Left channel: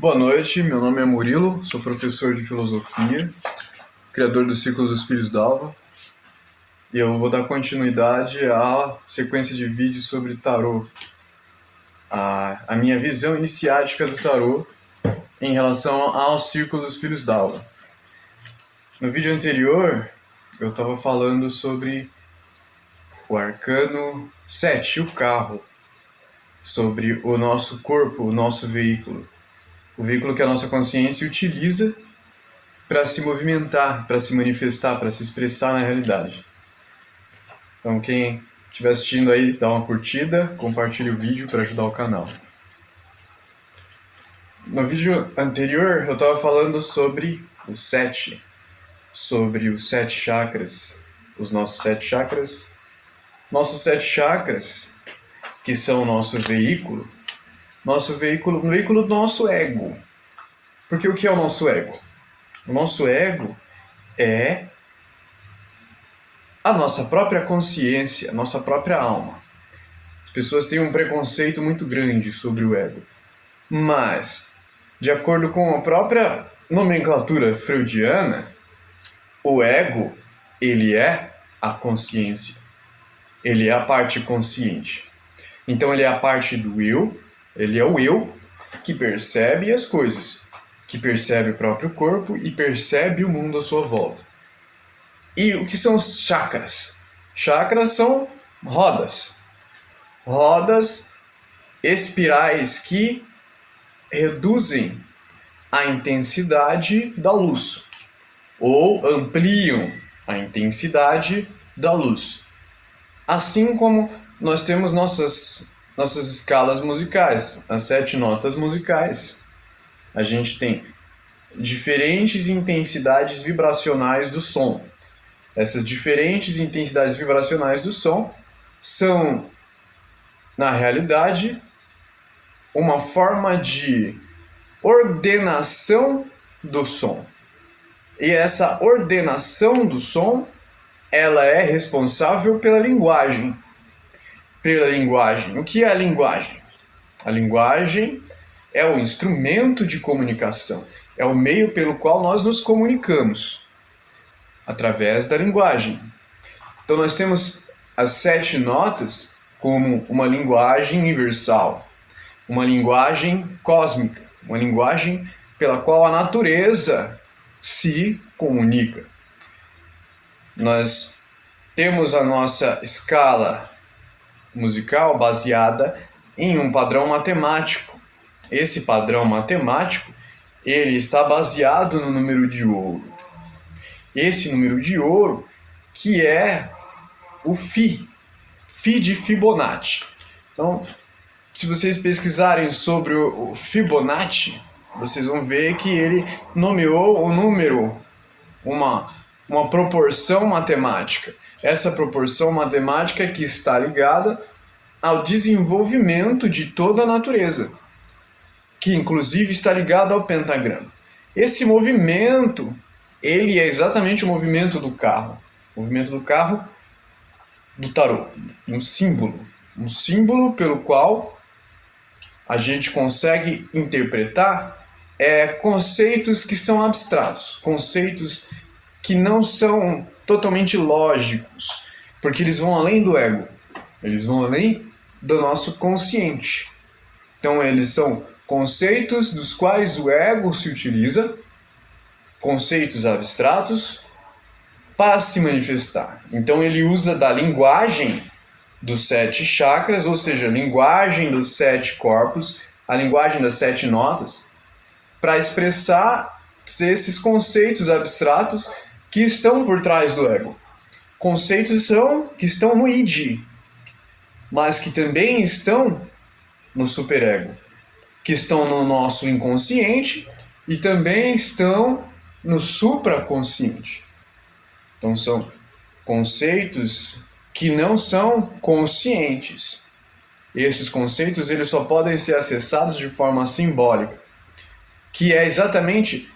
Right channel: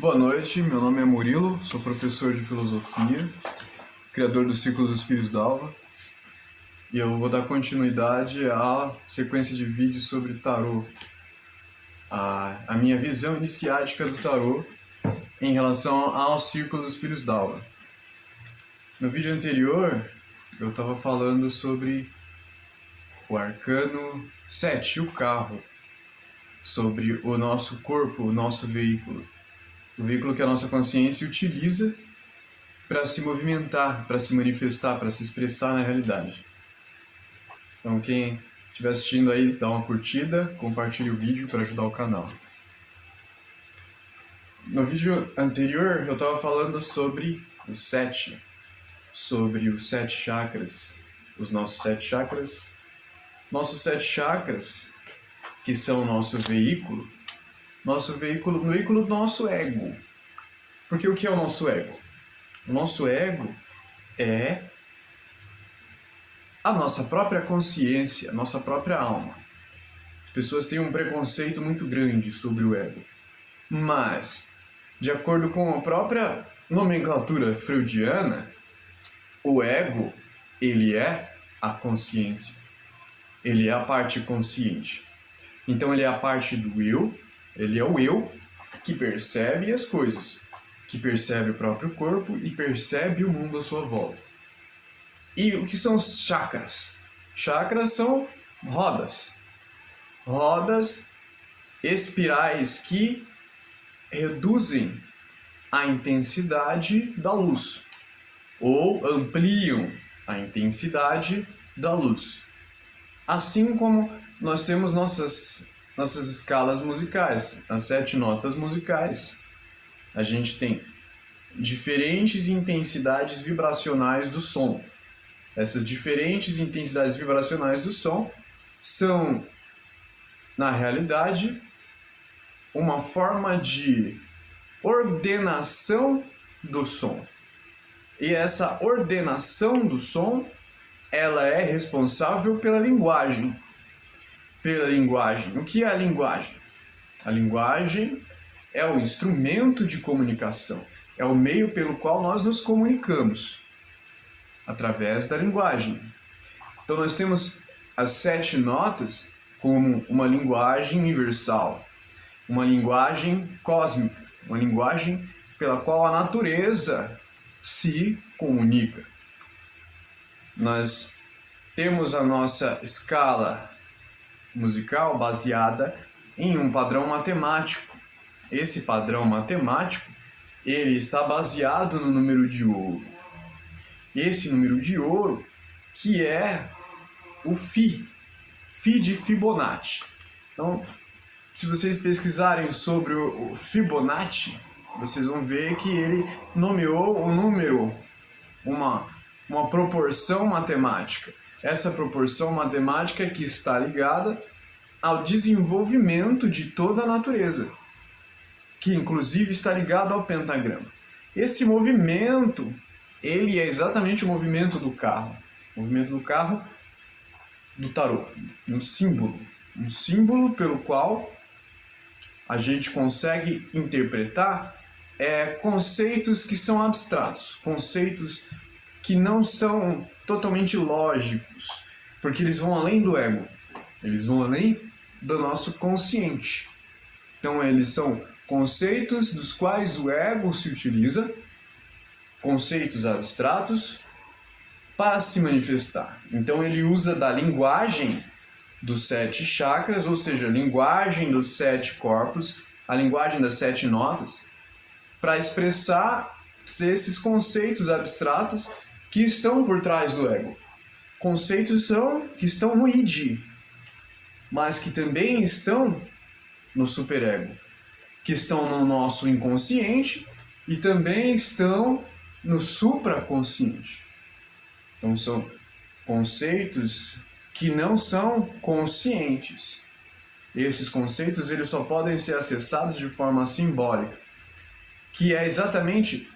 Boa noite, meu nome é Murilo, sou professor de filosofia, criador do Círculo dos Filhos d'Alva, e eu vou dar continuidade à sequência de vídeos sobre tarô, a minha visão iniciática do tarô em relação ao Círculo dos Filhos d'Alva. No vídeo anterior, eu estava falando sobre o arcano 7, o carro, sobre o nosso corpo, o nosso veículo. O veículo que a nossa consciência utiliza para se movimentar, para se manifestar, para se expressar na realidade. Então quem estiver assistindo aí, dá uma curtida, compartilhe o vídeo para ajudar o canal. No vídeo anterior eu estava falando sobre o 7, sobre os 7 chakras, os nossos 7 chakras. Nossos 7 chakras, que são o nosso veículo do nosso ego. Porque o que é o nosso ego? O nosso ego é a nossa própria consciência, a nossa própria alma. As pessoas têm um preconceito muito grande sobre o ego. Mas, de acordo com a própria nomenclatura freudiana, o ego, ele é a consciência. Ele é a parte consciente. Então ele é a parte do eu, ele é o eu que percebe as coisas, que percebe o próprio corpo e percebe o mundo à sua volta. E o que são os chakras? Chakras são rodas. Rodas espirais que reduzem a intensidade da luz ou ampliam a intensidade da luz. Assim como nós temos nossas escalas musicais, as 7 notas musicais. A gente tem diferentes intensidades vibracionais do som. Essas diferentes intensidades vibracionais do som são, na realidade, uma forma de ordenação do som. E essa ordenação do som, ela é responsável pela linguagem. O que é a linguagem? A linguagem é o instrumento de comunicação, é o meio pelo qual nós nos comunicamos, através da linguagem. Então nós temos as 7 notas como uma linguagem universal, uma linguagem cósmica, uma linguagem pela qual a natureza se comunica. Nós temos a nossa escala musical baseada em um padrão matemático. Esse padrão matemático, ele está baseado no número de ouro. Esse número de ouro que é o Fi de Fibonacci. Então, se vocês pesquisarem sobre o Fibonacci, vocês vão ver que ele nomeou o número, uma proporção matemática. Essa proporção matemática que está ligada ao desenvolvimento de toda a natureza, que inclusive está ligado ao pentagrama. Esse movimento, ele é exatamente o movimento do carro. O movimento do carro do tarô. Um símbolo pelo qual a gente consegue interpretar conceitos que são abstratos, conceitos que não são totalmente lógicos, porque eles vão além do ego, eles vão além do nosso consciente. Então eles são conceitos dos quais o ego se utiliza, conceitos abstratos, para se manifestar. Então ele usa da linguagem dos 7 chakras, ou seja, a linguagem dos 7 corpos, a linguagem das 7 notas, para expressar esses conceitos abstratos que estão por trás do ego. Conceitos que estão no id, mas que também estão no superego, que estão no nosso inconsciente e também estão no supraconsciente. Então são conceitos que não são conscientes. Esses conceitos eles só podem ser acessados de forma simbólica, que é exatamente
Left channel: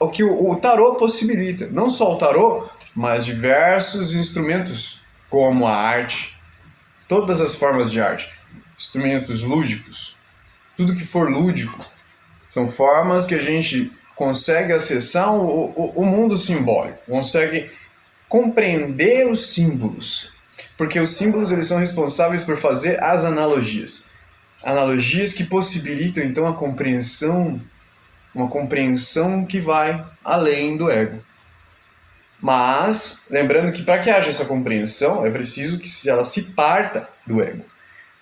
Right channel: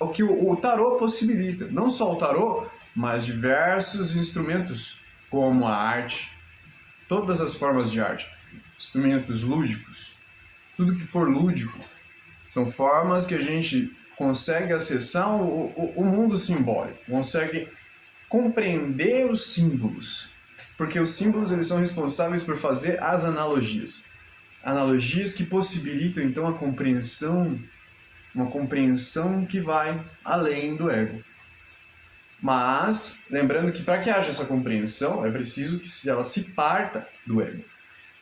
o que o tarô possibilita. Não só o tarô, mas diversos instrumentos, como a arte, todas as formas de arte, instrumentos lúdicos, tudo que for lúdico. São formas que a gente consegue acessar o mundo simbólico, consegue compreender os símbolos, porque os símbolos eles são responsáveis por fazer as analogias. Analogias que possibilitam então a compreensão, uma compreensão que vai além do ego. Mas, lembrando que para que haja essa compreensão, é preciso que ela se parta do ego,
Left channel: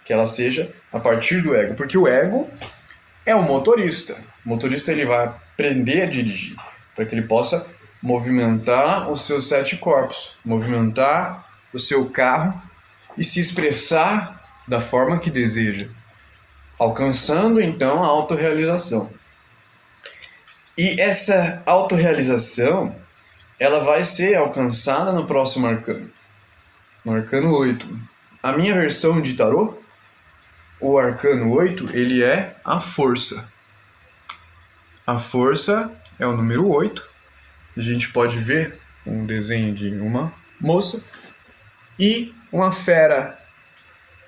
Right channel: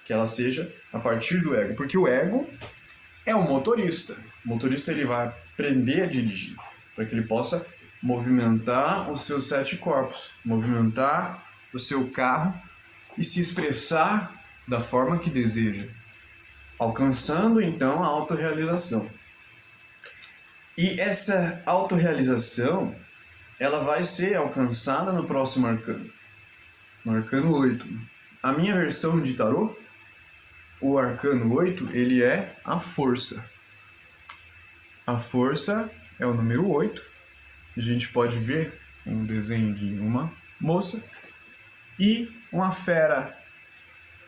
que ela seja a partir do ego, porque o ego é um motorista. O motorista ele vai aprender a dirigir, para que ele possa movimentar os seus 7 corpos, movimentar o seu carro e se expressar da forma que deseja, alcançando então a autorrealização. E essa autorrealização, ela vai ser alcançada no próximo arcano, no arcano 8. A minha versão de tarô, o arcano 8, ele é a força. A força é o número 8. A gente pode ver um desenho de uma moça e uma fera,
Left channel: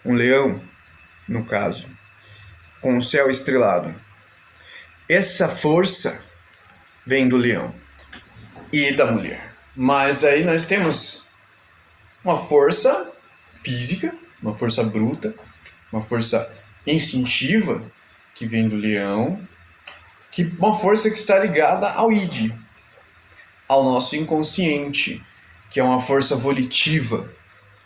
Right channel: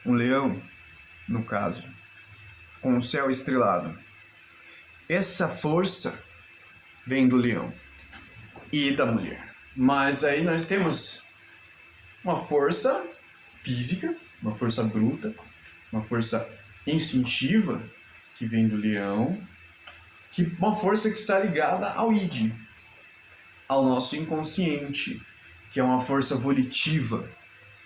um leão, no caso, com o céu estrelado. Essa força vem do leão e da mulher. Mas aí nós temos uma força física, uma força bruta, uma força instintiva que vem do leão, uma força que está ligada ao id, ao nosso inconsciente, que é uma força volitiva,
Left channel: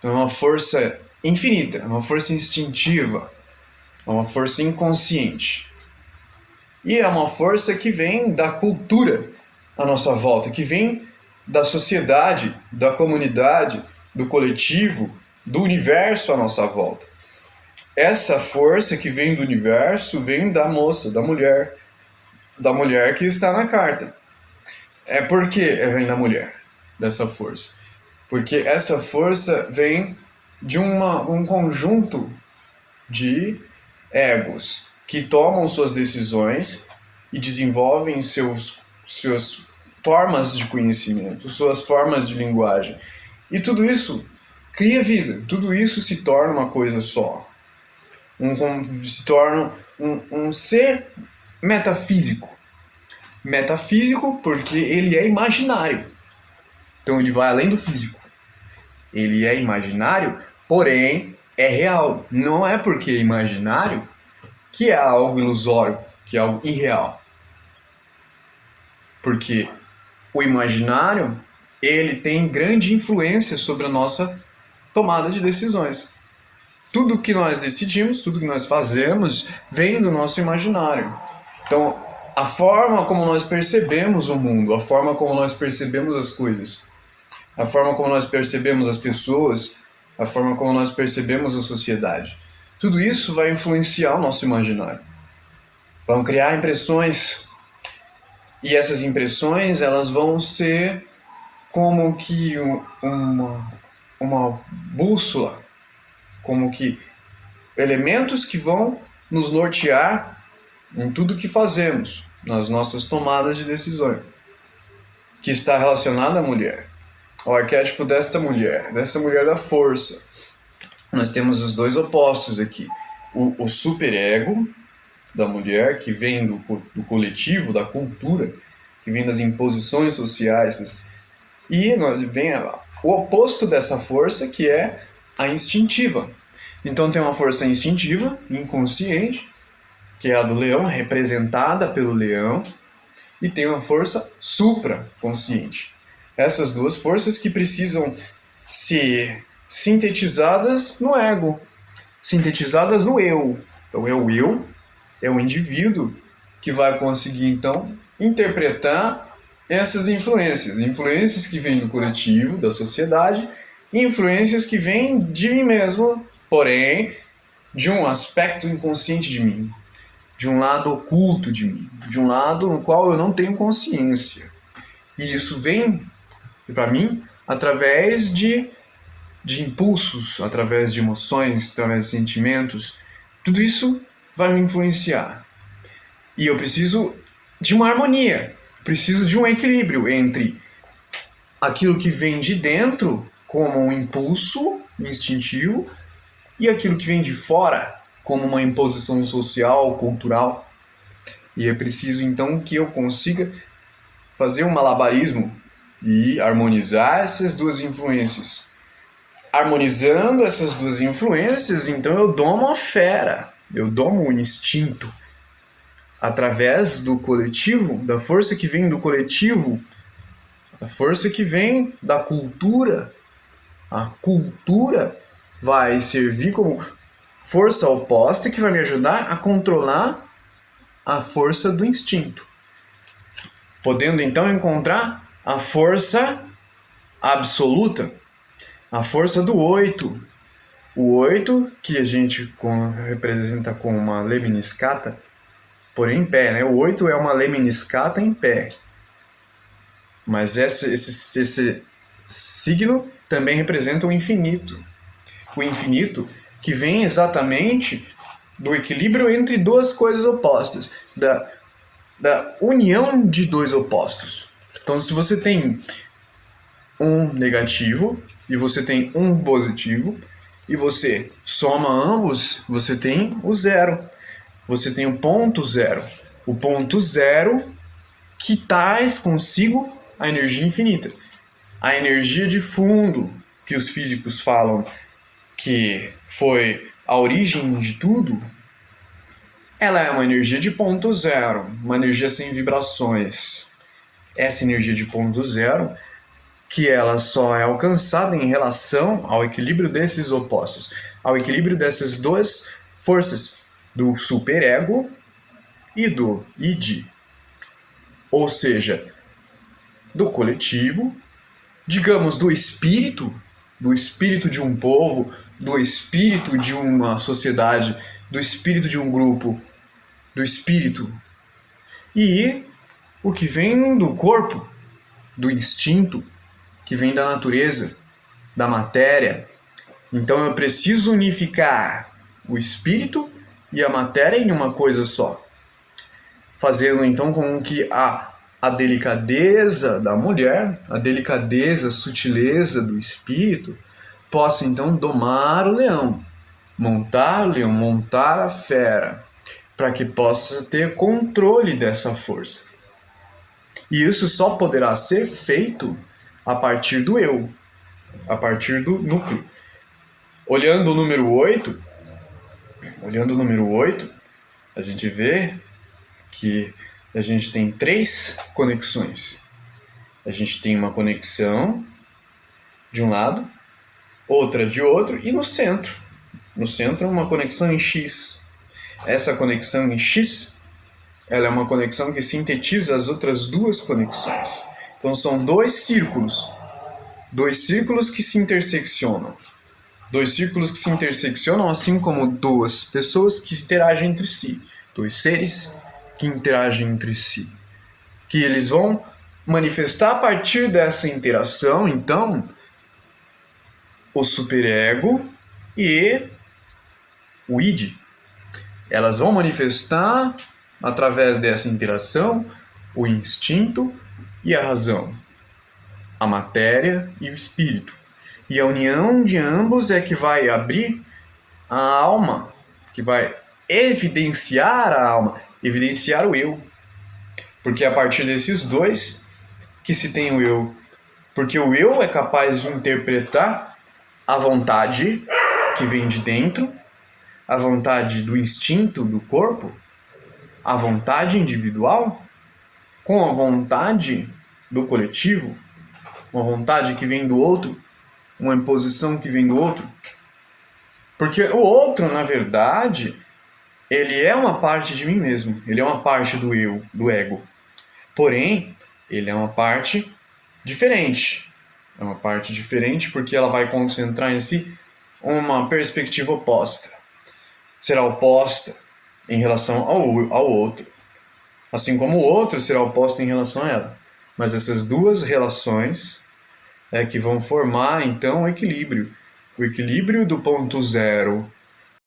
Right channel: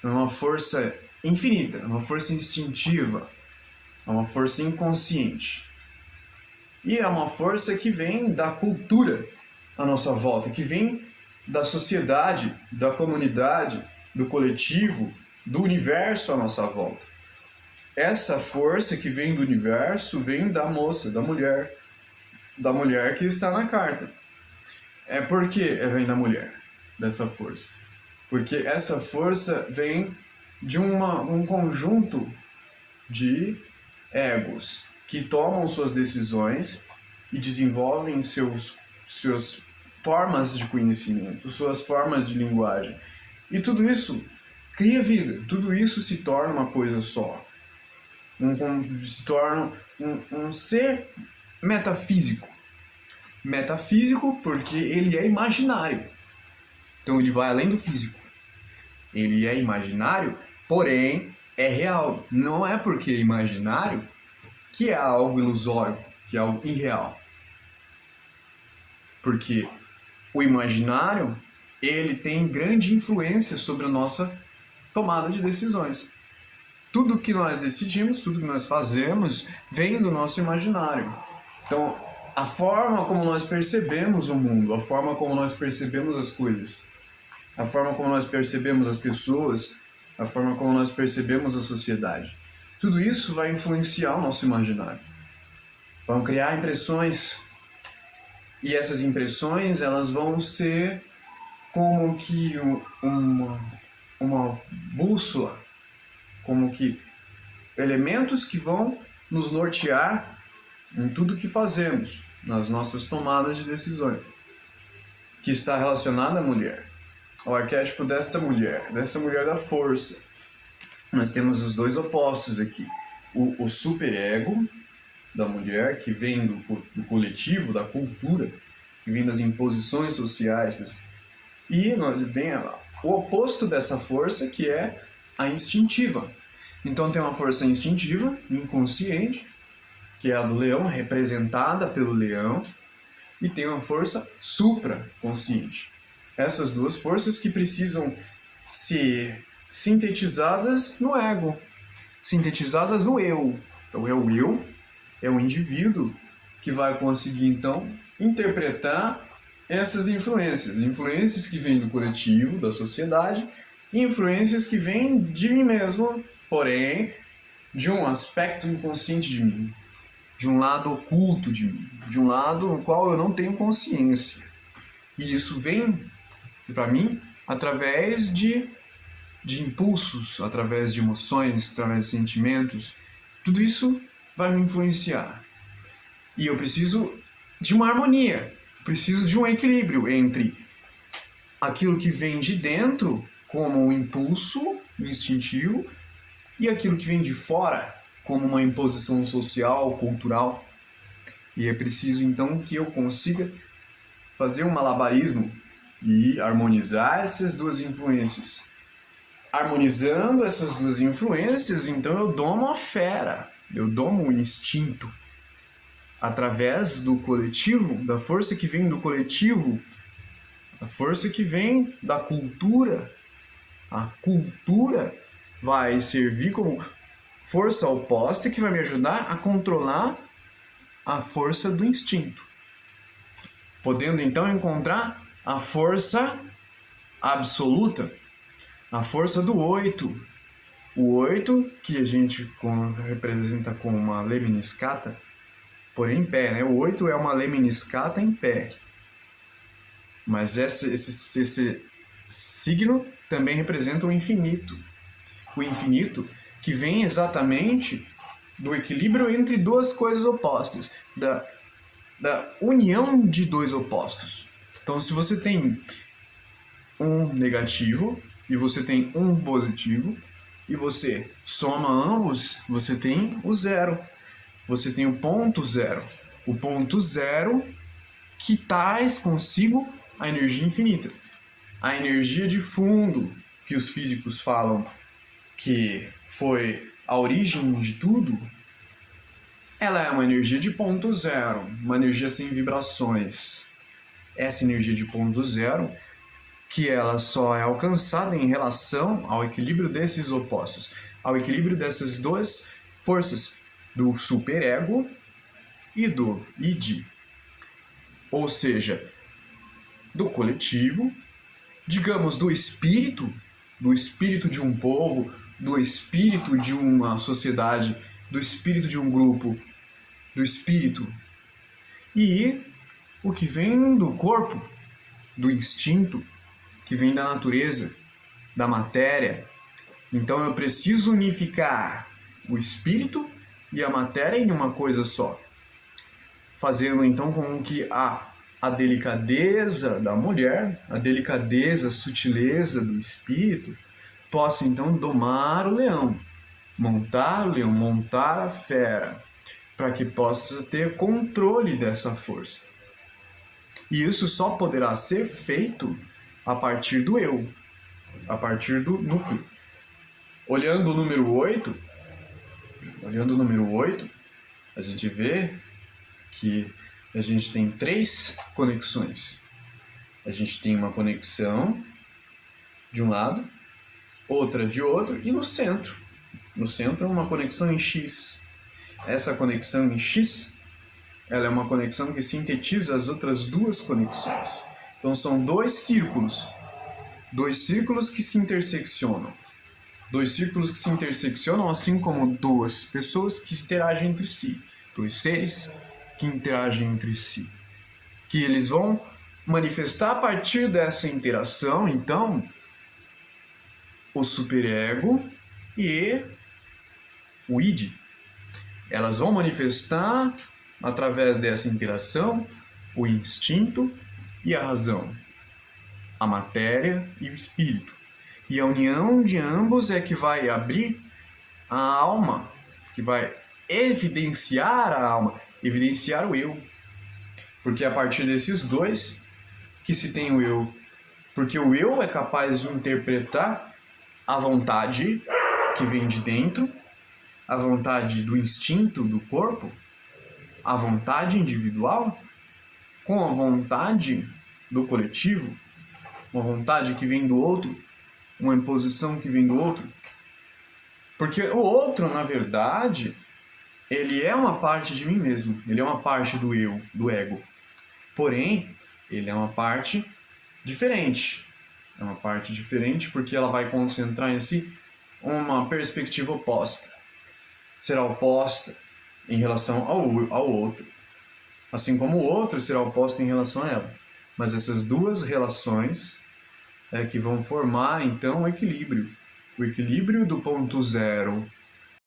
é uma força infinita, é uma força instintiva, é uma força inconsciente. E é uma força que vem da cultura à nossa volta, que vem da sociedade, da comunidade, do coletivo, do universo à nossa volta. Essa força que vem do universo vem da moça, da mulher que está na carta. Por que vem da mulher, dessa força? Porque essa força vem de um conjunto de egos que tomam suas decisões e desenvolvem suas formas de conhecimento, suas formas de linguagem. E tudo isso cria vida, tudo isso se torna uma coisa só. Se torna um ser metafísico. Metafísico porque ele é imaginário. Então ele vai além do físico. Ele é imaginário, porém é real. Não é porque é imaginário que é algo ilusório, que é algo irreal. Porque o imaginário, ele tem grande influência sobre a nossa tomada de decisões. Tudo que nós decidimos, tudo que nós fazemos, vem do nosso imaginário. Então, a forma como nós percebemos o mundo, a forma como nós percebemos as coisas, a forma como nós percebemos as pessoas, a forma como nós percebemos a sociedade, tudo isso vai influenciar o nosso imaginário. Vão criar impressões. E essas impressões, elas vão ser como que uma bússola, como que elementos que vão nos nortear em tudo que fazemos, nas nossas tomadas de decisões, que está relacionada à mulher, ao arquétipo dessa mulher da força. Nós temos os dois opostos aqui, o superego da mulher, que vem do coletivo, da cultura, que vem das imposições sociais, e vem o oposto dessa força, que é a instintiva. Então tem uma força instintiva, inconsciente, que é a do leão, representada pelo leão, e tem uma força supraconsciente. Essas duas forças que precisam ser sintetizadas no ego, sintetizadas no eu. Então é o eu, é o indivíduo que vai conseguir então interpretar essas influências que vêm do coletivo, da sociedade, e influências que vêm de mim mesmo, porém de um aspecto inconsciente de mim, de um lado oculto de mim, de um lado no qual eu não tenho consciência. E isso vem para mim através de impulsos, através de emoções, através de sentimentos. Tudo isso vai me influenciar. E eu preciso de uma harmonia, preciso de um equilíbrio entre aquilo que vem de dentro, como um impulso instintivo, e aquilo que vem de fora, como uma imposição social, cultural. E é preciso então que eu consiga fazer um malabarismo e harmonizar essas duas influências. Harmonizando essas duas influências, então eu domo a fera, eu domo o instinto através do coletivo, da força que vem do coletivo, a força que vem da cultura. A cultura vai servir como força oposta que vai me ajudar a controlar a força do instinto, podendo então encontrar a força absoluta, a força do 8. O 8, que a gente representa com uma lemniscata, porém em pé, né? O 8 é uma lemniscata em pé. Mas esse signo também representa o infinito. O infinito que vem exatamente do equilíbrio entre duas coisas opostas, da união de dois opostos. Então, se você tem um negativo e você tem um positivo, e você soma ambos, você tem o zero. Você tem o ponto zero. O ponto zero que traz consigo a energia infinita. A energia de fundo, que os físicos falam que foi a origem de tudo, ela é uma energia de ponto zero, uma energia sem vibrações. Essa energia de ponto zero, que ela só é alcançada em relação ao equilíbrio desses opostos, ao equilíbrio dessas duas forças, do superego e do id. Ou seja, do coletivo, digamos, do espírito de um povo, do espírito de uma sociedade, do espírito de um grupo, do espírito, e o que vem do corpo, do instinto, que vem da natureza, da matéria. Então eu preciso unificar o espírito e a matéria em uma coisa só, fazendo então com que a delicadeza da mulher, a delicadeza, a sutileza do espírito, possa então domar o leão, montar o leão, montar a fera, para que possa ter controle dessa força. E isso só poderá ser feito a partir do eu, a partir do núcleo. Olhando o número 8, a gente vê que a gente tem 3 conexões. A gente tem uma conexão de um lado, outra de outro e no centro. No centro, uma conexão em X. Essa conexão em X, ela é uma conexão que sintetiza as outras 2 conexões. Então são 2 círculos que se interseccionam. 2 círculos que se interseccionam, assim como 2 pessoas que interagem entre si. 2 seres que interagem entre si. Que eles vão manifestar a partir dessa interação, então, o superego e o id. Elas vão manifestar, através dessa interação, o instinto e a razão, a matéria e o espírito. E a união de ambos é que vai abrir a alma, que vai evidenciar a alma, evidenciar o eu. Porque é a partir desses 2 que se tem o eu. Porque o eu é capaz de interpretar a vontade que vem de dentro, a vontade do instinto do corpo, a vontade individual, com a vontade do coletivo, uma vontade que vem do outro, uma imposição que vem do outro. Porque o outro, na verdade, ele é uma parte de mim mesmo, ele é uma parte do eu, do ego. Porém, ele é uma parte diferente. É uma parte diferente porque ela vai concentrar em si uma perspectiva oposta. Será oposta em relação ao outro. Assim como o outro será oposto em relação a ela. Mas essas 2 relações é que vão formar, então, o equilíbrio. O equilíbrio do ponto zero